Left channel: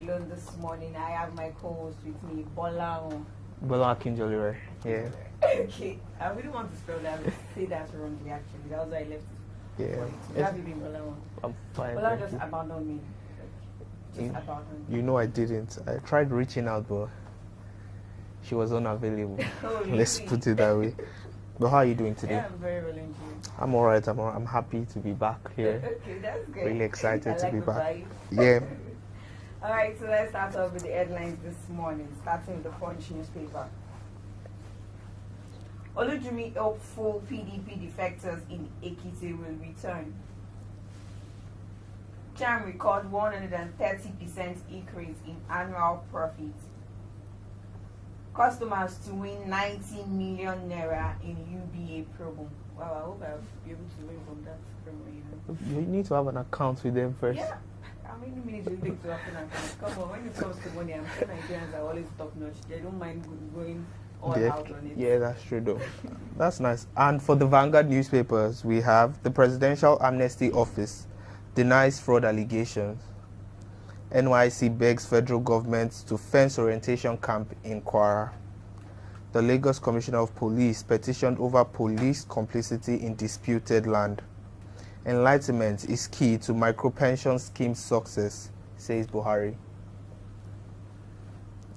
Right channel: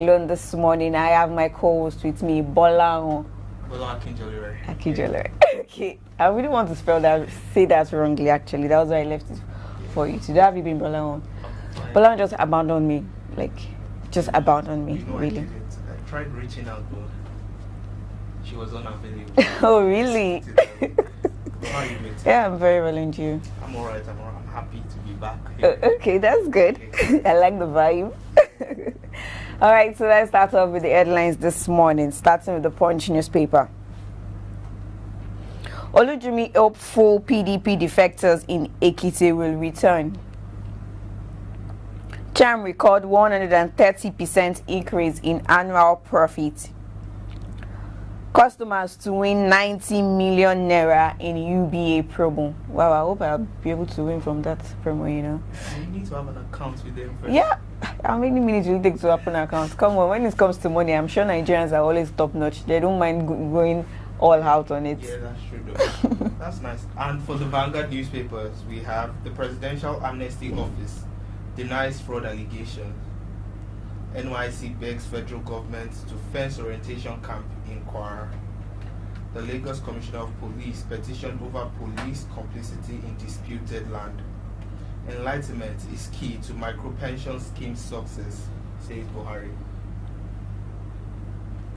alone this morning. I have my co-host with me, Bola Akinjolere. Akinjolere. Okay, I really want to say that wrongly. Actually, that was why I left it for you. Today, have you been Bola? Bola just abandoned me, just abandoned me. You know, really. I didn't. I tried reaching out, but she was unavailable. Oh, really? Let's put it that way. But how are you doing today? Yeah, I'm very well, and you? I'm alright. I'm happy to be back here. Okay, that's good. Really I like the vibe. Yeah. All right, so let's start off with the headlines this morning, starting with the Punch newspaper. Olujimi hopeful PDP defectors in Ekiti will return. Cham record 130% increase in annual profit. Customers to win 90 million naira in UBA promo. Wow, I hope I'll be able to win from that promo, you know. You need to have an account with them first. Yeah. How many minutes will it take to open an account? Come on, when it comes to money, I'm sure Nigerians are always top notch. They don't mind going all out on it. Yeah, that's true though. That's nice. And for the Vanguard newspapers, we have the Presidential Amnesty Office denies fraud allegations. NYC begs federal government to fence orientation camp in Kwara. The Lagos Commissioner of Police petitioned over police complicity in disputed land. Enlightenment is key to micropension scheme success, says Buhari.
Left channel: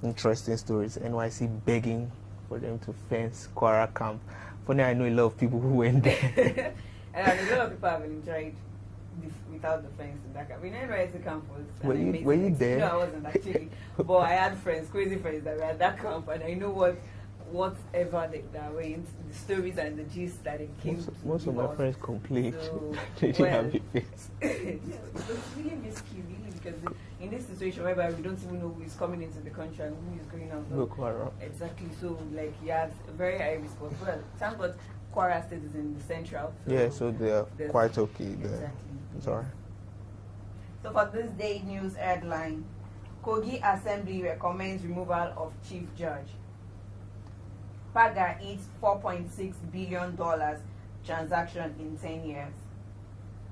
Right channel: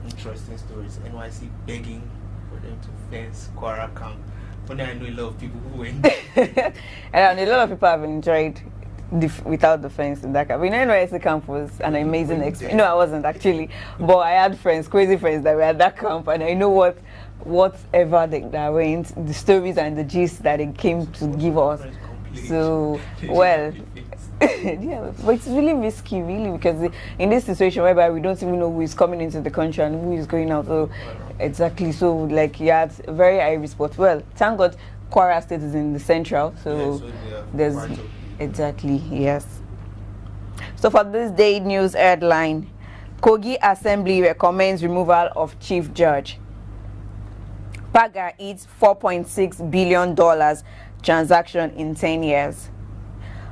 Interesting stories. NYC begging for them to fence Kwara camp. Funny, I know a lot of people who went there. And a lot of people have enjoyed without the fence in that camp. NYC camp was an amazing experience. No, I wasn't actually. But I had friends, crazy friends that were at that camp, and I know whatever that went, the stories and the gist that they came to give us. So, well, yeah, but it's really risky, really, because in this situation whereby we don't even know who is coming into the country and who is going out. So, exactly. So, yeah, it's very high risk. But, well, thank God, Kwara State is in the central. So, yeah, so they're quite okay. Exactly, yes. So, for this day news headline, Kogi Assembly recommends removal of Chief Judge. Paga eats $4.6 billion transaction in 10 years.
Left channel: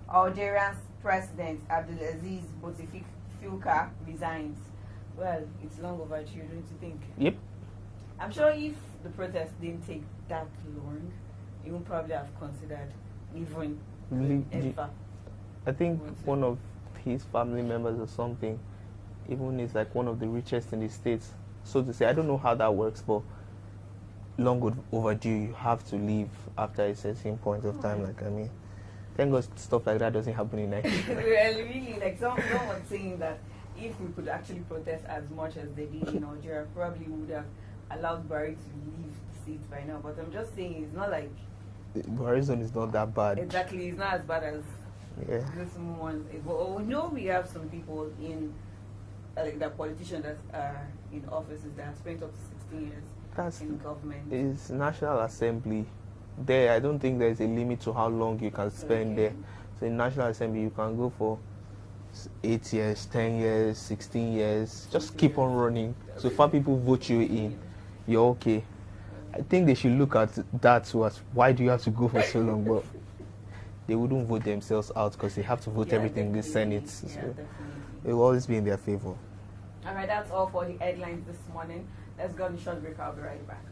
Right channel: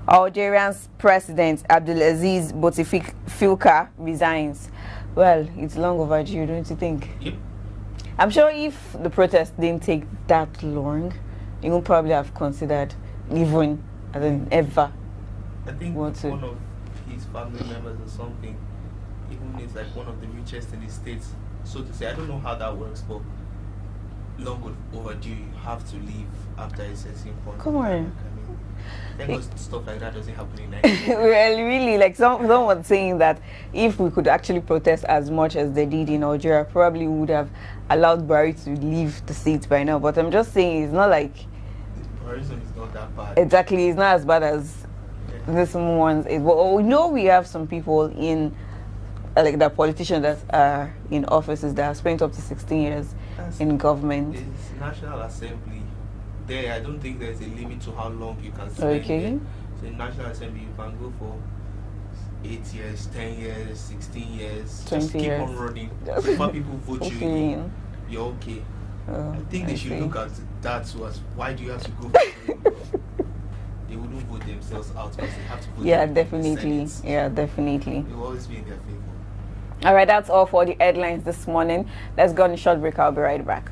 Algerian's President Abdelaziz Bouteflika resigns. Well, it's long overdue, don't you think? Yep. I'm sure if the protest didn't take that long, he would probably have considered leaving ever. I think one of his family members or something, even is like one of the richest in the states, so to say. I don't know how that works, but long overdue, you have to leave after a certain point of time. Thank God stuff like that doesn't happen in Nigeria. Well, really, someone saying that if we could actually protest as much as they did in Algeria, probably would have allowed Buhari to leave the seat by now. But I'm just saying, it's not like Buhari's zone is not that bad. Exactly, it's not as bad as this one's. But we know we have some people in, the politicians that are in offices that have spent up to 16 years in government. It's National Assembly. There, I don't think there's a limit to how long you can spend there. So in National Assembly, you can go for 8 years, 10 years, 16 years. Just keep on running. Before people vote you in, you're okay. I think they should look at that to us. Why do you have to go for so long? Well, they wouldn't vote themselves out because they have to vote everything in the Senate. Yeah, definitely. They will always be in their favor. All right, that's all for the headlines this morning. Let's go on a short break. I'll be right back.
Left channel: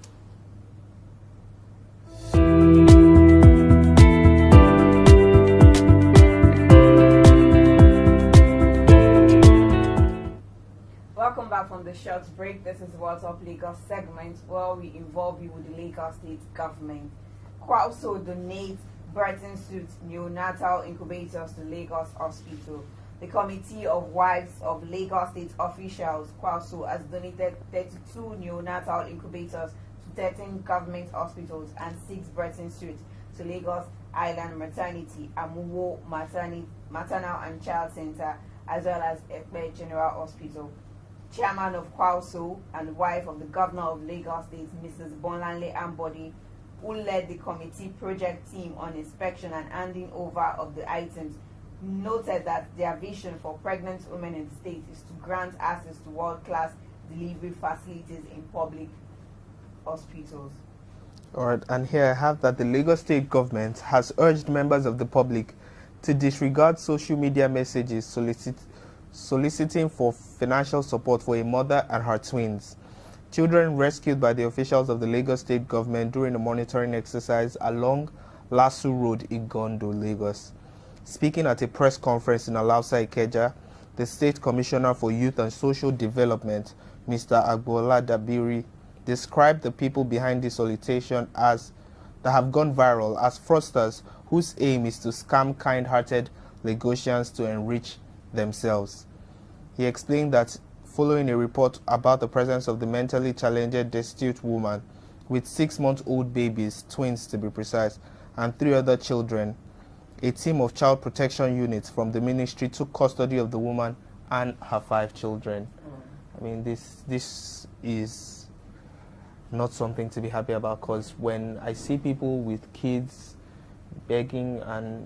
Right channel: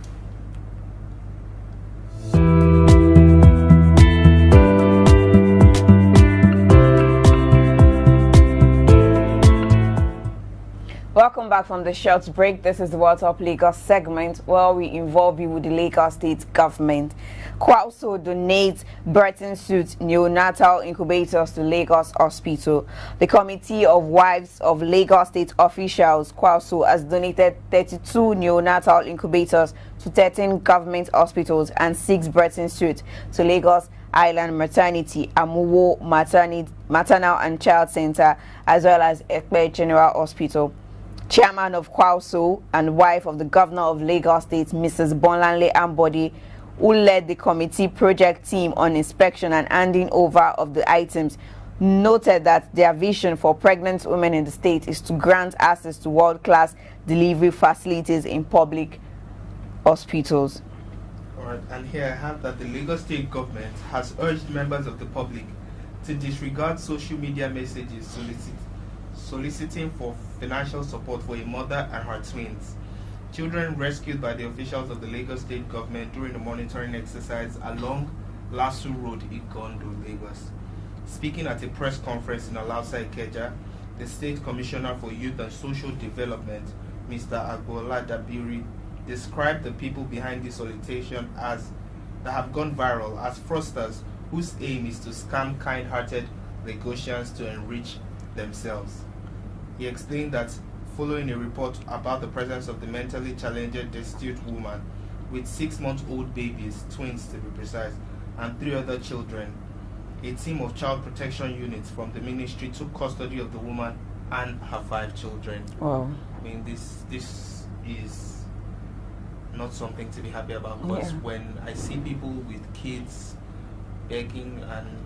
Welcome back from the short break. This is the World Top Lagos segment where we involve you with the Lagos State government. Kwauso donates birthing suit neonatal incubators to Lagos Hospital. The Committee of Wives of Lagos State Officials, Kwauso, has donated 32 neonatal incubators to 13 government hospitals and 6 birthing suits to Lagos Island Maternity, Amuwo Maternal and Child Center, as well as Ekpe General Hospital. Chairman of Kwauso and wife of the Governor of Lagos State, Mrs. Bonlanle Ambody, who led the committee project team on inspection and handing over of the items, noted that their vision for pregnant women in the state is to grant access to world-class delivery facilities in public hospitals. All right, and here I have that the Lagos State government has urged members of the public to disregard social media messages soliciting for financial support for a mother and her twins. Children rescued by the officials of the Lagos State government during a monitoring exercise along Lasu Road in Gondo, Lagos. Speaking at a press conference in Alausa Ikeja, the State Commissioner for Youth and Social Development, Mr. Agbola Dabiri, described the people behind this solicitation as that have gone viral as fraudsters whose aim is to scam kind-hearted Lagosians to enrich themselves. He explained that following a report about the presence of the mentally challenged destitute woman with 6-month-old babies, twins to be precise, and 3 other children, a team of child protection units from the ministry took custody of the woman and her 5 children. Wow. I mean, this is not something to be happy about, because when I see people with kids begging and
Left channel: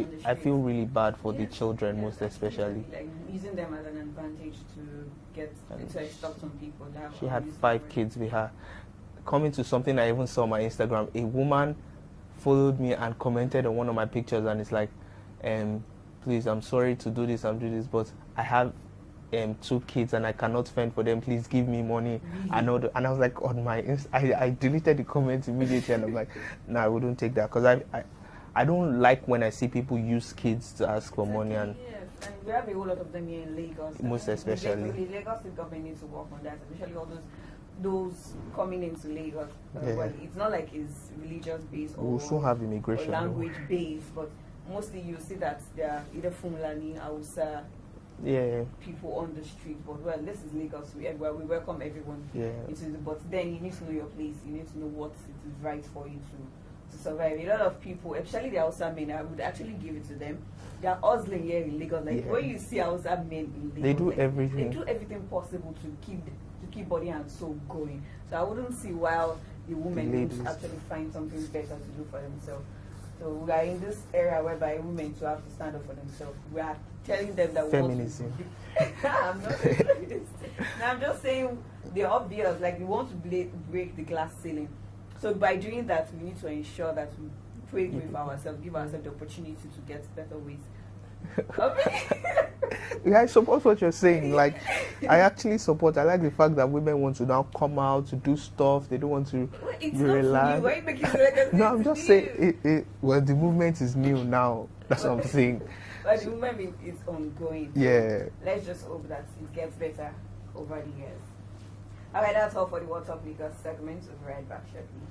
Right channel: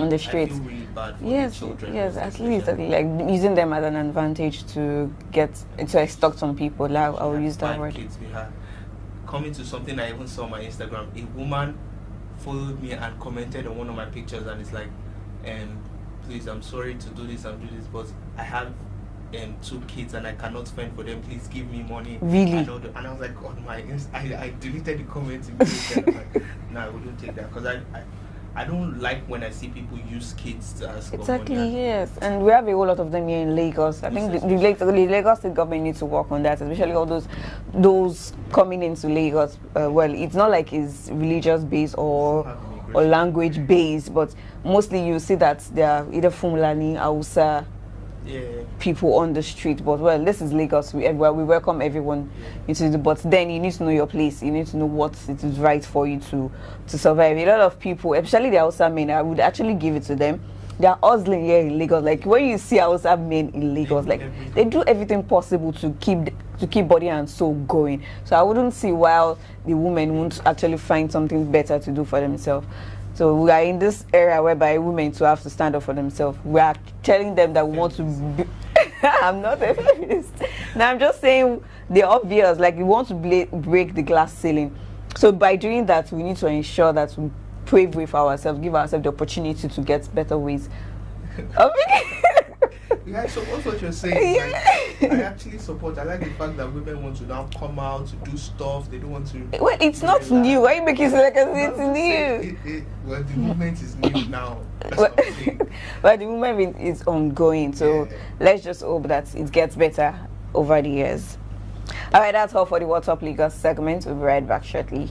on the I streets, feel really bad for the children. Yes, at least like using them as an advantage to extort some people. Like, I'll use that 5 word. kids we had. Coming to something I even saw on my Instagram, a woman followed me and commented on one of my pictures, and it's like, please, I'm sorry to do this, but I have 2 kids and I cannot fend for them. Please give me money. Really? And I was like, on my I deleted the comments immediately. And I'm like, no, I wouldn't take that, because I don't like when I see people use kids to ask for money. Exactly, yes. And we have a whole lot of them here in Lagos. I think the Lagos State government needs to work on that, especially all those coming into Lagos. Well, it's not like it's religious based or language based, but mostly you see that they are either Fulani, Hausa, people on the street. But well, this is Lagos. We welcome everyone into the. But then you need to know your place. You need to know what it is right for you to survive. A lot of people, especially the Hausa men, I would actually give it to them. They are hustling here in Lagos. Like when you see Hausa men in Lagos, they do everything possible to keep body and soul going. So I wouldn't see why the women won't actually find something better to do for themselves. So we are in this era whereby women to have to stand up for themselves. We are telling them that we want to be I'm not a feminist. Now I'm just saying the obvious, like we want to break the glass ceiling. So by doing that, we need to ensure that we pave way for ourselves, give ourselves the opportunity to get better ways. I support what you're saying. Like, I actually support. I like the fact that women want to now come out to do stuff. They don't want to. Well, it's not new. Why you make it like it's new? Well, the movement is new now. That's what I'm saying. But the movement is ongoing. So let's just hope that it gets better over the years. All right, that's all for the What's Up Lagos segment. We'll be right back shortly.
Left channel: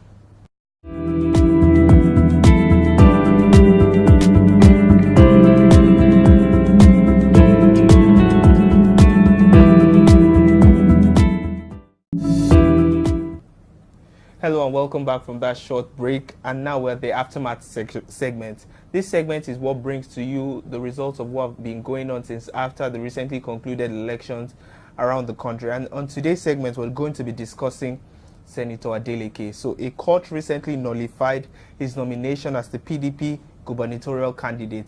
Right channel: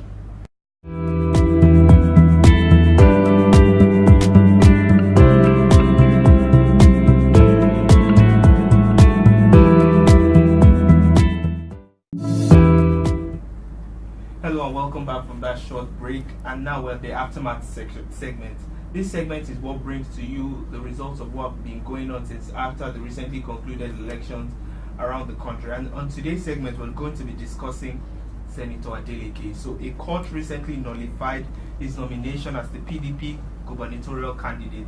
Hello and welcome back from that short break, and now we're at the aftermath segment. This segment is what brings to you the results of what have been going on since after the recently concluded elections around the country. And on today's segment, we're going to be discussing Senator Adeleke. So a court recently nullified his nomination as the PDP gubernatorial candidate.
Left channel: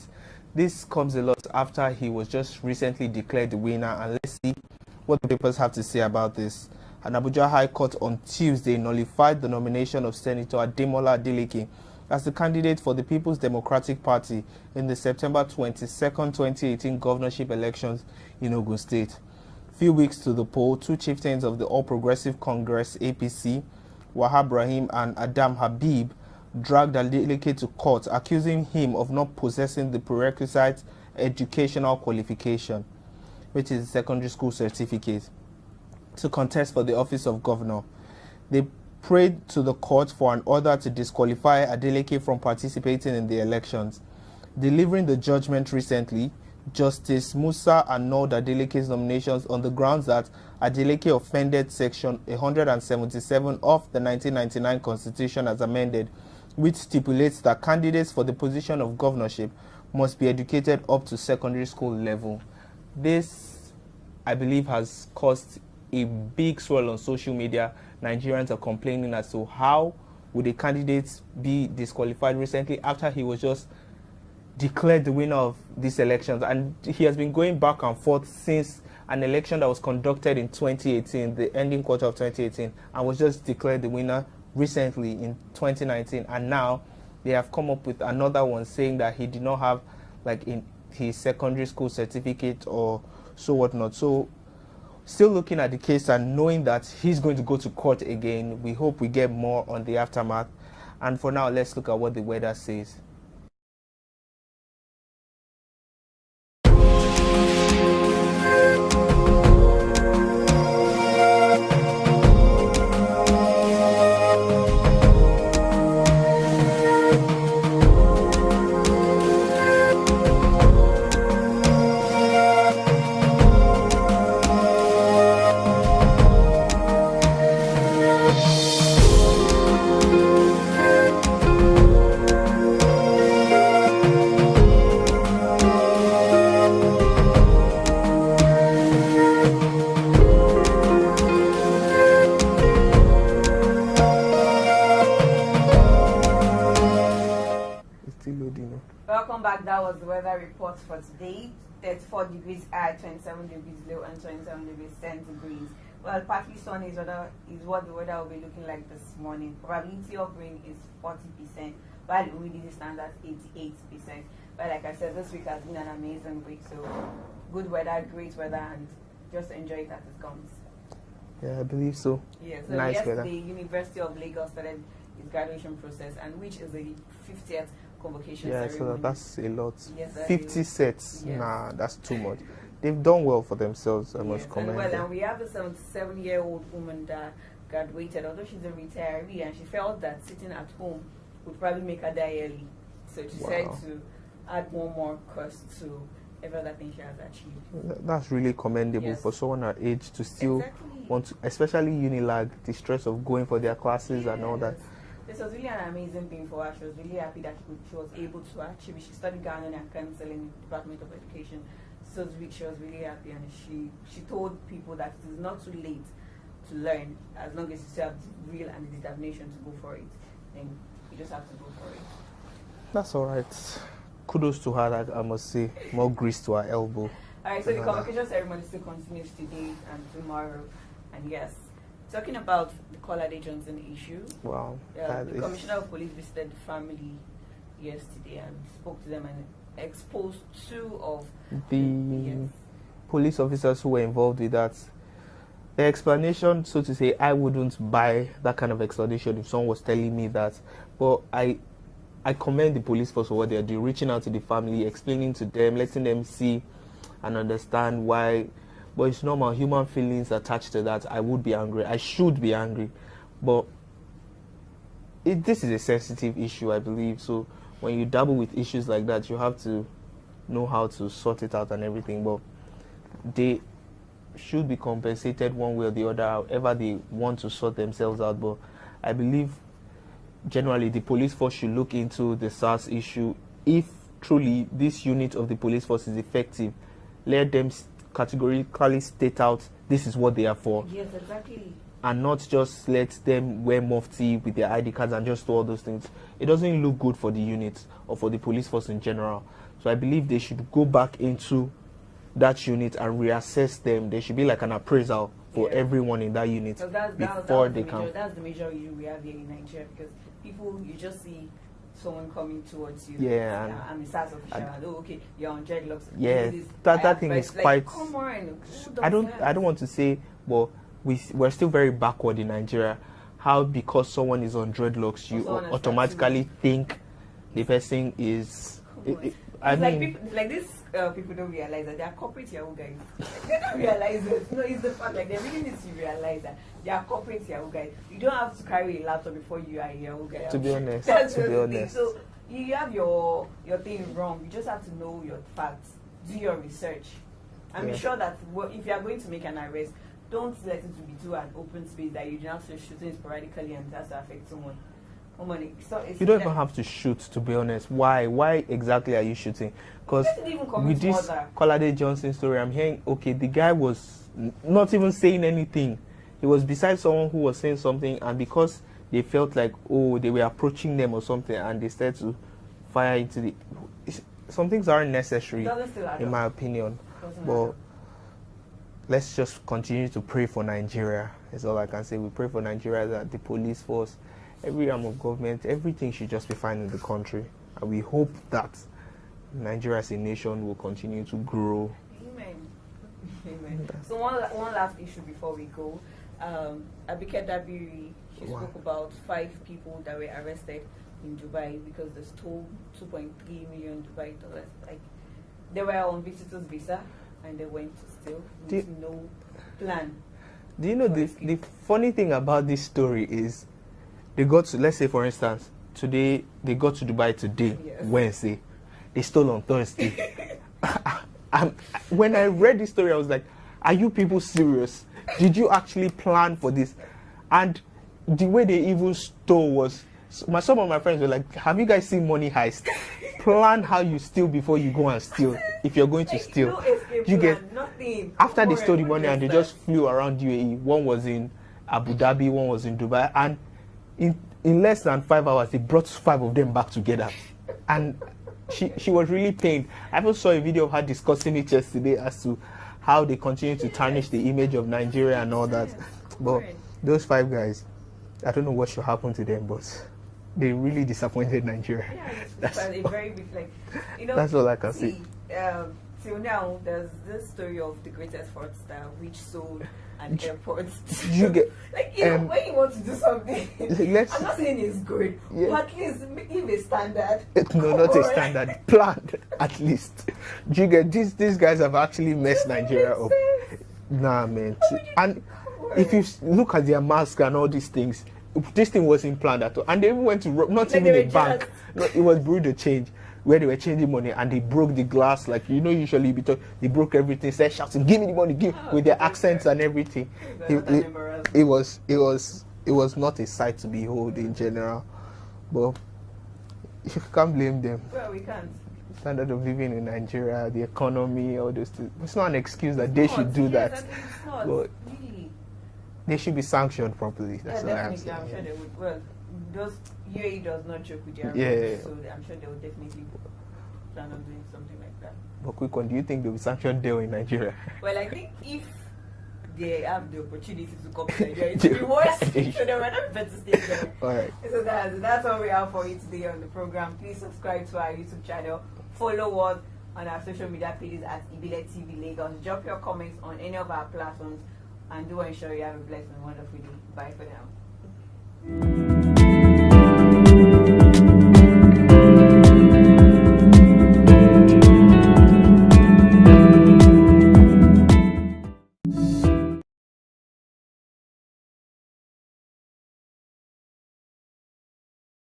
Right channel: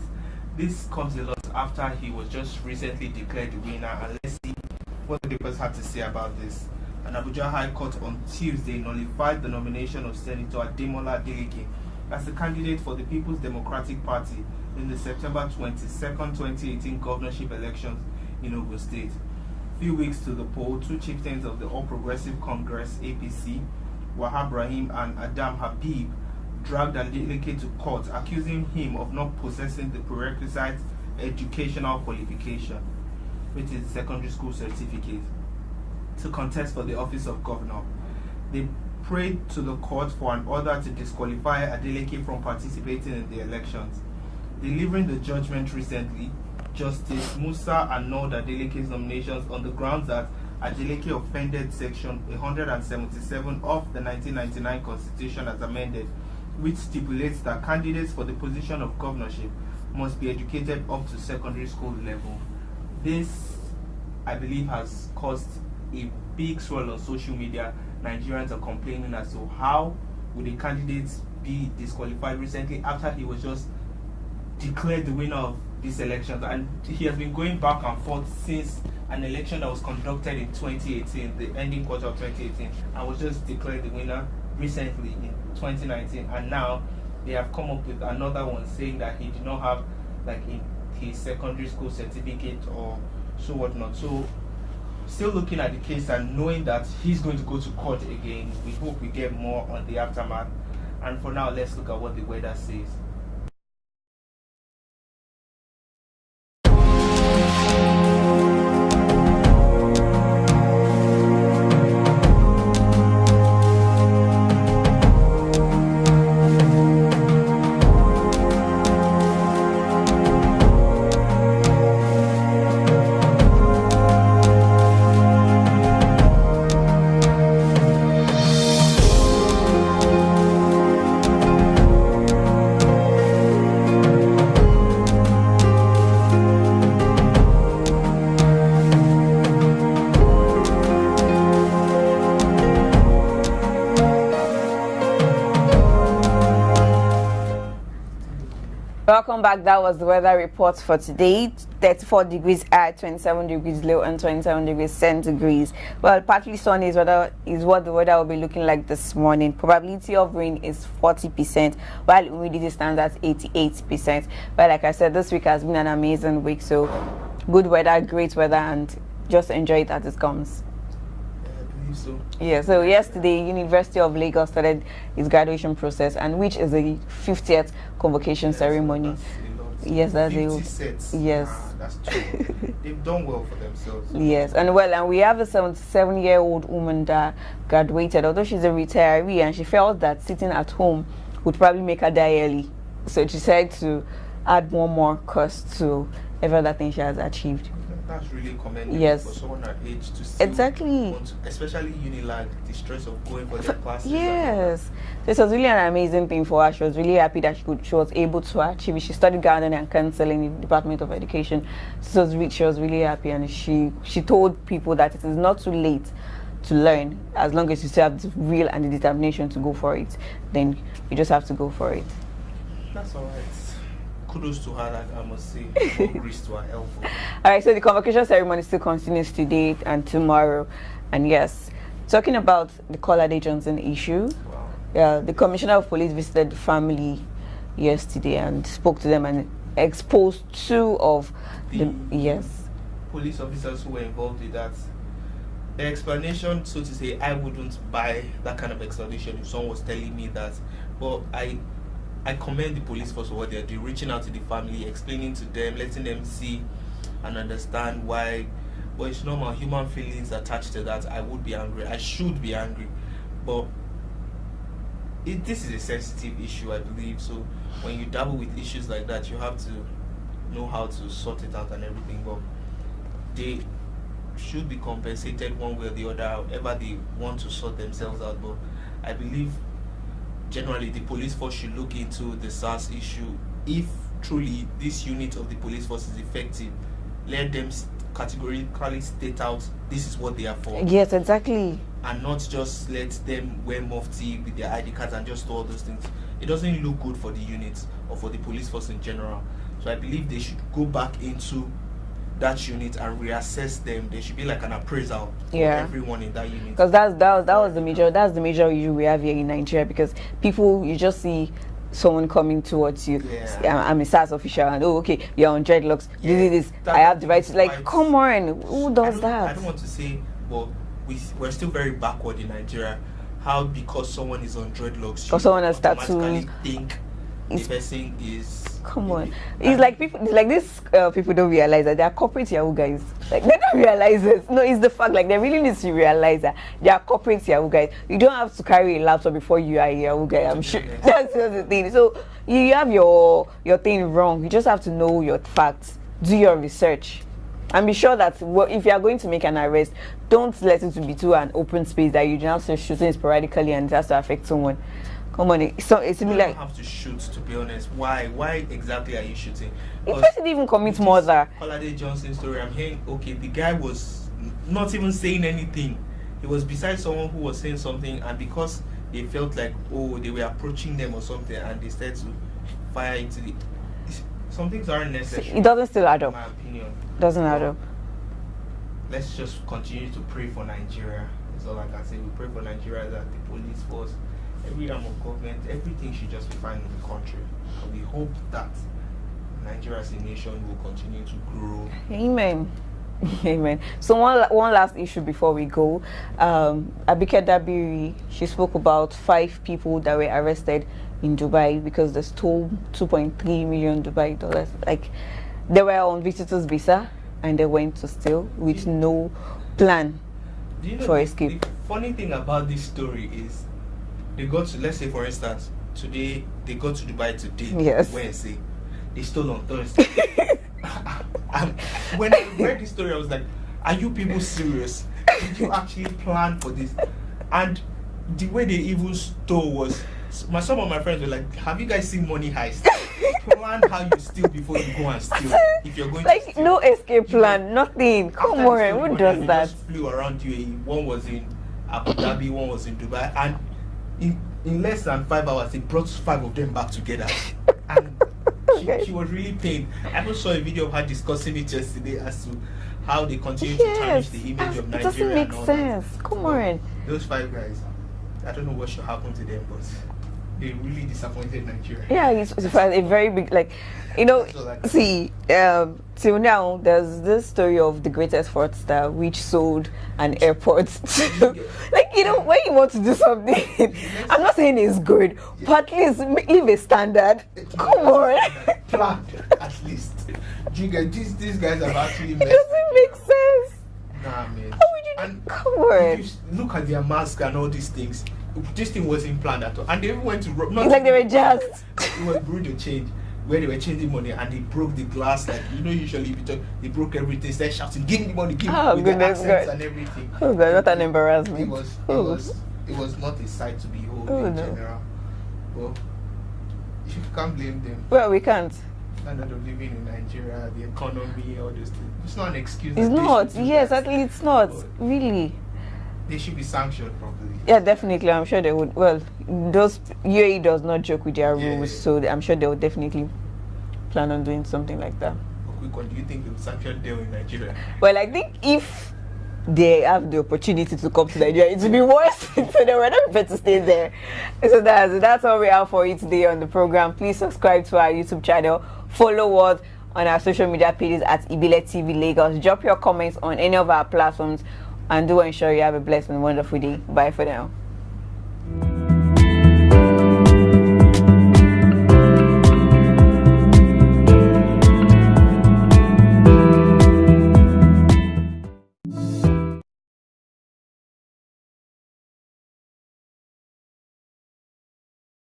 This comes a lot after he was just recently declared the winner, and let's see what the papers have to say about this. An Abuja High Court on Tuesday nullified the nomination of Senator Ademola Adeleke as the candidate for the People's Democratic Party in the September 22nd, 2018 governorship elections in Ogun State. Few weeks to the poll, 2 chieftains of the All Progressive Congress (APC), Wahab Rahim and Adam Habib, dragged Adeleke to court, accusing him of not possessing the prerequisite educational qualification, which is a secondary school certificate, to contest for the office of governor. They prayed to the court for an order to disqualify Adeleke from participating in the elections. Delivering the judgment recently, Justice Musa annulled Adeleke's nominations on the grounds that Adeleke offended Section 177 of the 1999 Constitution as amended, which stipulates that candidates for the position of governorship must be educated up to secondary school level. This, I believe, has caused a big swirl on social media. Nigerians are complaining as to how would a candidate be disqualified recently after he was just declared the winner of these elections, and he has been going back and forth since an election that was conducted in 2018, the ending quarter of 2018, and was just declared the winner recently in 2019, and now they have come up with another one saying that he did not have like his secondary school certificate or so whatnot. So still looking at the case and knowing that he's going to go to court again. We hope we get more on the aftermath. And for now, let's look at what the weather says. Welcome back. That was the weather report for today. 34 degrees high, 27 degrees low, and 27 degrees centigrade. Well, partly sunny is what the weather will be looking like this morning. Probability of rain is 40%, while humidity stands at 88%. But like I said, this week has been an amazing week. So good weather, great weather, and just enjoy it as it comes. Yeah, I believe so. Yeah, so Nice yesterday, University of Lagos started its graduation process, and which is the 50th convocation ceremony. So that's a lot. Yes, that's 50 sets. Yes. Nah, that's too much. They've done well for themselves. So Yes, and we have a 77-year-old woman that graduated, although she's a retiree, and she felt that sitting at home would probably make her die early. So she decided to add one more course to every other thing she has achieved. That's really commendable Yes. for someone her age to still Exactly. want to, especially Unilag, the stress of going for their classes and all that. Yes. This was really an amazing thing for her. She was really happy that she was able to achieve it. She studied gardening and counseling in the Department of Education. So she was really happy, and she told people that it is not too late to learn, as long as you still have the will and the determination to go for it. Then you just have to go for it. That's all right. Kudos to her, I must say. More grease to her elbow. All right, so the convocation ceremony still continues today and tomorrow. And yes, talking about the Kolade Johnson issue, Wow. the Commissioner of Police visited the family yesterday and spoke to them and exposed two of the police officers who were involved with that. The explanation, so to say, I wouldn't buy that kind of explanation if someone was telling me that. But I commend the police force for what they're doing, reaching out to the family, explaining to them, letting them see and understand why. But it's normal, human feelings attached to that. I would be angry. I should be angry. But this is a sensitive issue, I believe. So when you dabble with issues like that, you have to know how to sort it out and everything. But they should be compensated one way or the other, however they want to sort themselves out. But I believe generally the police force should look into the SARS issue. If truly this unit of the police force is effective, let them categorically state out this is what they are for. Yes, exactly. And not just let them wear mufti with their ID cards and just do all those things. It doesn't look good for the units or for the police force in general. So I believe they should go back into that unit and reassess them. There should be like an appraisal for everyone in that unit. Because that's the major issue we have here in Nigeria, because people, you just see someone coming towards you. I'm a SARS official, and okay, you're on dreadlocks. This. I have devices. Like, come on, who does that? I don't want to say, well, we're still very backward in Nigeria. How because someone is on dreadlocks, you automatically think the person is. Come on, it's like people, it's like this. People don't realize that they are corporate Yahoo guys. Like, they don't realize this. No, it's the fact. Like, they really need to realize that they are corporate Yahoo guys. You don't have to carry a laptop before you are a Yahoo guy. I'm sure that's the thing. So you have your thing wrong. You just have to know your facts. Do your research, and be sure that if you are going to make an arrest, don't let it to be to an open space that you just shooting sporadically and it has to affect someone. Come on, so you don't have to shoot, to be honest. Why exactly are you shooting? Because it even commits murder. Kolade Johnson story, I'm hearing, okay, the guy was not even saying anything. He was beside someone who was saying something, and because they felt like, oh, they were approaching them or something, and they started to fire into the... Some things aren't necessary. It doesn't still add up. In my opinion. Doesn't add up. Let's just continue to pray for Nigeria. That's all I can say. We pray for Nigeria, that the police force, every arm of government, everything should just be fine in the country. And we hope that Nigeria as a nation will continue to grow. Amen. Amen. So one last issue before we go. Abike Dabiri, she spoke about 5 people that were arrested in Dubai because they stole 2.3 million Dubai dollars. Like, they were on visitors visa and they went to steal with no plan. Do you know the funny thing about this story is they got to, let's say for instance, today they got to Dubai today, yes, Wednesday. They stole on Thursday. When I read this story, I was like, are you people serious? Did you actually plan for this? And the way they even stole was, some of my friends were like, have you guys seen Money Heist? Plan how you steal before you go and steal. If you're going to steal. No escape plan, nothing. Come after on, they stole the who money does and they that? just flew around UAE. One was in Abu Dhabi, one was in Dubai. And in less than 5 hours, they brought 5 of them back together. And she was really pained. I also saw a video of her discussing it yesterday as to how they continue to tarnish the image of Nigeria and all that. Come on. Those 5 guys, I don't know what should happen to them, but they really disappointed Nigeria. Yeah, it's a very big, like, you know, that's all I can see, till now, there's this story of the greatest fraudster which sold an airport to, like, you know, when you want to do something, I'm not saying it's good, but at least leave a standard. Not a standard, planned at least. Do you get these guys have actually messed Nigeria up. Nah, man. And if you look at their mask and all these things, this thing wasn't planned at all. And they even went to not like they were just. It was Bureau de Change, where they were changing money and they broke the glass. Like, you know, usually they broke everything, started shouting, give me the money, give me, with the accents and everything. Oh, not an embarrassment. It was not a sight to behold in general. But you can't blame them. Well, we can't. Standard of living in Nigeria, the economy, all those things. It's not an excuse that it's they not. should do Yes, that. at least it's not. But really. They should be sanctioned properly. Yeah, definitely. I'm sure they would. Well, those UAE does not joke with their rules, so I'm sure they would definitely plan on doing something like that. A quick one, do you think they will sanction Dell in Nigeria? Well, I think if they have the opportunity to come to Nigeria, it will be worse. So they were not prepared to stay there. Right. So that's all we have for you today on the program. Please subscribe to our YouTube channel. Follow us on our social media pages at Ibile TV Lagos. Drop your comments on any of our platforms. And do ensure you have a blessed and wonderful day. Bye for now.